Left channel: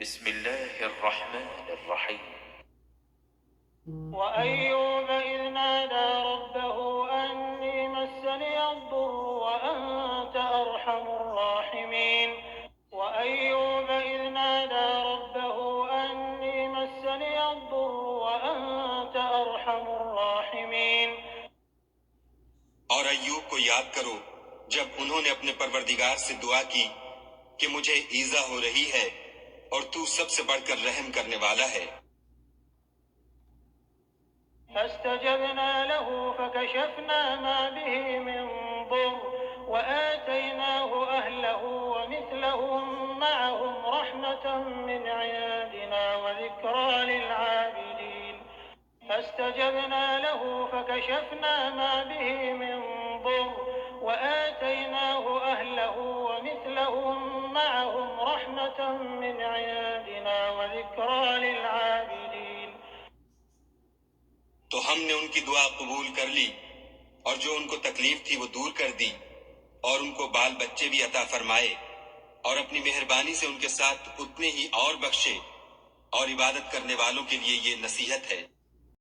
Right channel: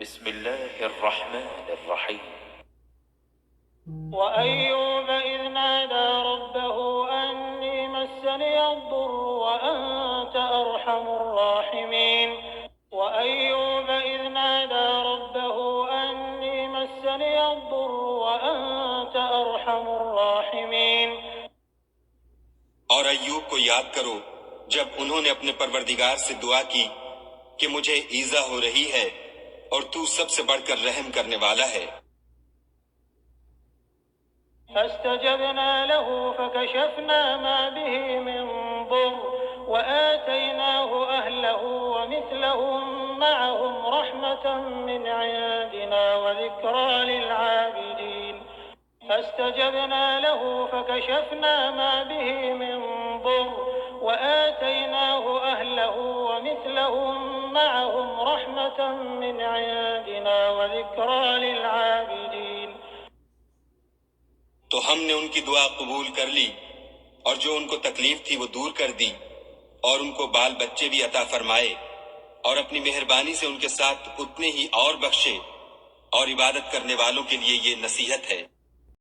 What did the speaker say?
بسم الله الرحمن الرحيم. وأيوب إذ نادى ربه أني مسني الضر وأنت أرحم الراحمين. وأيوب إذ نادى ربه أني مسني الضر وأنت أرحم الراحمين. اور ایوب کو یاد کرو جب انہوں نے اپنے پروردگار سے دعا کی کہ مجھے ایذا ہو رہی ہے اور تو سب سے بڑھ کر رحم کرنے والا ہے۔ فاستجبنا له فكشفنا ما به من ضر وآتيناه أهله ومثلهم معهم رحمة من عندنا وذكرى للعابدين. فاستجبنا له فكشفنا ما به من ضر وآتيناه أهله ومثلهم معهم رحمة من عندنا وذكرى للعابدين. تو ہم نے ان کی دعا قبول کر لی اور جو ان کو تکلیف تھی وہ دور کر دی اور ان کو بال بچے بھی عطا فرمائے اور اپنی مہربانی سے ان کے ساتھ اتنے ہی اور بخشے، اور عبادت کرنے والوں کے لیے یہ نصیحت ہے۔